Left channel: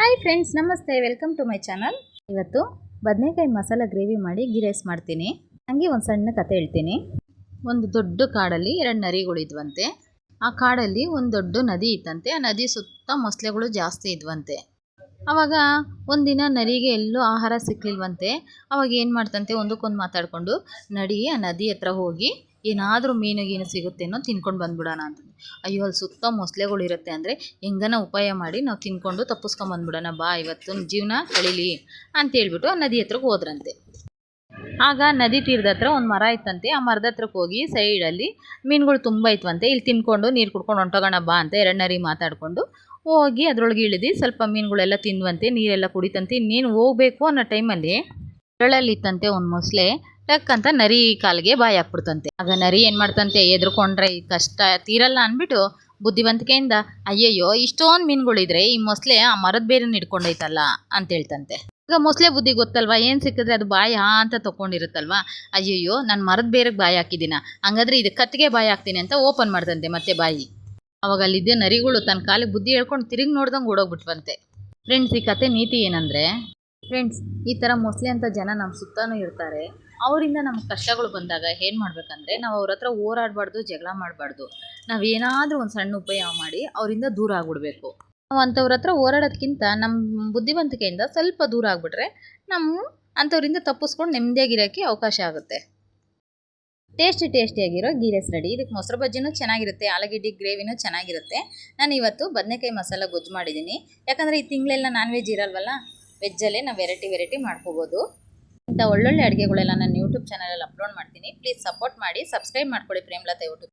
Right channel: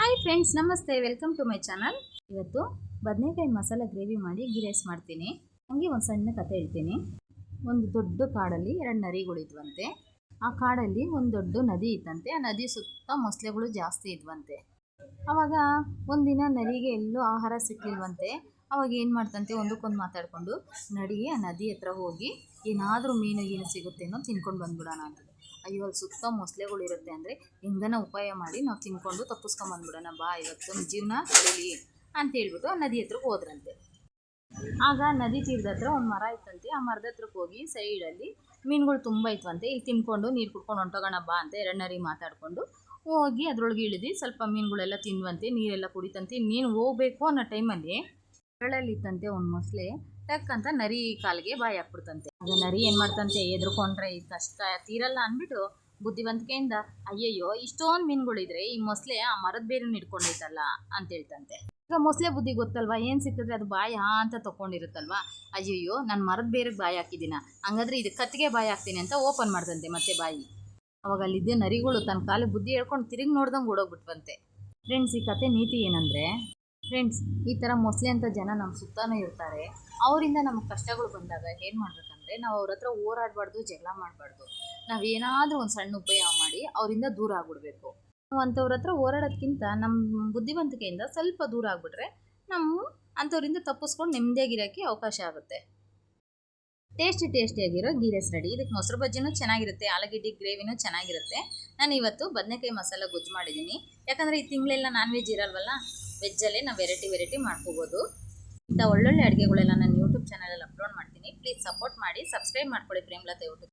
Hi friends, ನಮಸ್ತೆ. Welcome to my channel. ಇವತ್ತು ಬದನೆಕಾಯಿ ಮಸಾಲ ಗ್ರೇವಿ ಮಾಡಿ ಗೀ ರೈಸ್ ಮಾಡ್ತೀನಿ. ಹಂಗೆ ಒಂದು ಸಣ್ಣ ಕತೆ ಹೇಳ್ತೀನಿ. ಒಂದು ದೊಡ್ಡ ಕಾಡಲ್ಲಿ 2 ನರಿಗಳಿದ್ವಂತೆ. ಆ ಕಾಡಲ್ಲಿ ಒಂದು ದೊಡ್ಡ ನದಿ ಇತ್ತಂತೆ. ಆ ನದಿ ಸುತ್ತ ಮೊಸಳೆಗಳು ಜಾಸ್ತಿ ಇದ್ವಂತೆ. ಆವಾಗ ಒಂದಿನ ನರಿಗೆ ಎಲ್ಲೂ ಆಹಾರ ಸಿಕ್ಲಿಲ್ವಂತೆ. ಅವಾಗ ಏನು ಮಾಡ್ತಂತೆ, ಒಂದಕ್ಕೊಂದು ಮಾತಾಡಿಕೊಂಡು ನಡಿ ಆ ನದಿ ಹತ್ರ ಹೋಗಿ ಏನಾದರೂ ಮೀನು ಸಿಗುತ್ತೇನೋ ತಿನ್ಕೊಂಡು ಬಂದ್ಬಿಡೋಣ ಅಂತ. ಅಯ್ಯೋ, ಅಲ್ಲಿ ಸುತ್ತ ಮೊಸಳೆಗಳು ಇರುತ್ತೆ ಅಂದರೆ ಹೆಂಗನ ಉಪಾಯ ಮಾಡಿ ನಾವು ತಿನ್ಕೊಂಡು ತಪ್ಪಿಸ್ಕೊಂಬಂದ್ಬಿಡೋಣ, ಬಾ ಇವತ್ತು ಜೀವನ ಕಳೀಲಿ ಅಂತೇಳ್ಬಿಟ್ಟು ಆ ನದಿ ಹತ್ರಕ್ಕೆ ಹೋದ್ರಂತೆ. ಆಗ ನದಿ ತೀರದ ಹತ್ರ ಒಂದು ಮರ ಇತ್ತಂತೆ. ಆ ಮರದ ಹತ್ರಕ್ಕೆ ಹೋಗಿ ಸೈಡಲ್ಲಿ ಮೀನುಗಳು ತುಂಬ ಇತ್ವಂತೆ. ಇಲ್ಲಿ ತಿನ್ಕೊಂಡು ನೀರು ಕುಡ್ಕೊಂಡು ಹೊಂಟೋಗೋಣ ಬಾ ಅಂತ 2 ನರಿ ಮಾತಾಡಿಕೊಂಡು ಹೋಗಿ ಅದರೊಳಗೆ ಇಳಿದು ಸ್ವಲ್ಪ ಮೀನುಗಳೆಲ್ಲ ತಿಂದ್ವಂತೆ, ನೀರೆಲ್ಲ ಕುಡಿತಂತೆ. ಇನ್ನೇನು ಹೋಗಬೇಕು ಅನ್ನೋ ಟೈಮಲ್ಲಿ ಇತ್ತಂತೆ ಒಂದು ಮೊಸಳೆ ಟಕ್ ಅಂತ ನರಿ ಕಾಲಿಗೆ ಬಾಯಿ ಹಾಕ್ಬಿಡ್ತಂತೆ. ಆಗ ನರಿ ಏನು ಮಾಡ್ತಂತೆ, ಎದ್ರುಕೊಂಡ್ರೆ ಈ ಕಷ್ಟ ತೀರಲ್ಲ ಅಂದ್ಬಿಟ್ಟು ಬುದ್ಧಿವಂತಿಕೆಯಿಂದ ಅಯ್ಯಯ್ಯೋ ಇಷ್ಟೊಂದು ಮೀನುಗಳಿದ್ರೆ ಈ ಮೊಸಳೆ ಆ ಮರದ ಬೇರನ್ನ ಹಿಡ್ಕೊಂಡೈತಲ್ಲ ಅಂತ ಹೇಳ್ತಂತೆ. ಈಗ ಮೊಸಳೆ ಬುದ್ಧಿ ಗೊತ್ತಲ್ವಾ, ಏನು ಸಿಕ್ಕಿದ್ರೆ ಅದು ಬಾಯಿ ಅಂತ ತೊಗೊಂಡಿರುತ್ತಲ್ವಾ. ಅಯ್ಯಯ್ಯೋ ನಾನು ಮರದ ಬೇರೆಗೆ ಬಾಯಿ ಹಾಕಿದ್ದೀನ, ಹಂಗಾದ್ರೆ ಇದು ಕತ್ತಿಗೆ ಬಾಯಿ ಹಾಕ್ತೀನಿ ಅಂತ ಓಪನ್ ಮಾಡ್ತಂತೆ ಮತ್ತೆ ಬಾಯಿ. ಅವಾಗ ಅಲ್ಲಿದ್ದ ನರಿಗಳು ತನ್ನ ಕಾಲಿಗೆ ಬುದ್ಧಿ ಹೇಳ್ಕೊಂಡು ತಿರುಗಿ ನೋಡ್ದಂಗೆ ಓಡೋಗ್ಬಿಟ್ವಂತೆ. ಫ್ರೆಂಡ್ಸ್, ಈ ಕತೆ ನೀತಿ ಏನಂದರೆ, ಫ್ರೆಂಡ್ಸ್, ಈ ಥರ ಮೊಸಳೆ ಅಂತ ಜನ ನಮ್ಮ ಸುತ್ತಲೂ ಇರ್ತಾರೆ. ಅವರಿಂದ ನಮಗೆ ಕಷ್ಟಗಳು ಬಂದಾಗ ಏನು ಮಾಡಬೇಕಂದ್ರೆ, ನಾವು ಅವ್ರ ಹತ್ರ ಹೋರಾಡಬಾರ್ದು, ಜಗಳ ಮಾಡಬಾರ್ದು. ನಾವೇನಾದರೂ ಒಂದು ಸಣ್ಣ ಉಪಾಯ ಮಾಡಿ ಅವರಿಂದ ದೂರ ಆಗಿಬಿಡ್ಬೇಕು. ನಾವು ಅಂಥವ್ರ ಹತ್ರ ಹೋರಾಡೋದ್ಕಿಂತ ನಮ್ಮ ಬುದ್ಧಿವಂತಿಕೆಯಿಂದ ಸ್ವಲ್ಪ ದೂರ ಆಗಿಬಿಟ್ರೆ ನಮ್ಮ ಅಂಥವ್ರಿಂದ ತಪ್ಪಿಸ್ಕೊಂಡು ನೆಮ್ಮದಿಯಾಗಿರೋಕ್ಕೆ ಅವಕಾಶ ಆಗುತ್ತೆ. ಟೇಸ್ಟಿಯಾಗಿರೋ ಗೀ ರೈಸ್ ರೆಡಿ. ಇದಕ್ಕೆ ಮೊಸರು ಬಜ್ಜಿನೂ ಚೆನ್ನಾಗಿರುತ್ತೆ, ಆಲೂಗೆಡ್ಡೆ ಗ್ರೇವಿನೂ ಚೆನ್ನಾಗಿರುತ್ತೆ. ನಾನು ಇವತ್ತು ಬದನೆಕಾಯಿ ಮಸಾಲ ಗೊಜ್ಜು ಮಾಡಿದ್ದೀನಿ. ಯಾಕಂದರೆ ಈ ತಿಂಗಳೆಲ್ಲ ನಾನ್ ವೆಜ್ ಇರಲ್ವಲ್ಲ, ವೆಜ್ಜಲ್ಲೇ ನಾವು ವೆರೈಟಿ ಮಾಡ್ಕೋಬೋದು. ಇಂಥ ಒಳ್ಳೊಳ್ಳೆ ಅಡುಗೆಗಳೆಲ್ಲ ನಾನು ಯೂಟ್ಯೂಬ್ ಚಾನಲಲ್ಲಿ ಅಪ್ಲೋಡ್ ಮಾಡ್ತೀನಿ. ಪ್ಲೀಸ್ ಸಪೋರ್ಟ್ ಮಾಡಿ, ಸಬ್ಸ್ಕ್ರೈಬ್ ಮಾಡ್ಕೊಳ್ಳಿ ಪ್ರೇಮಲತಾ ಯೂಟ್ಯೂಬ್.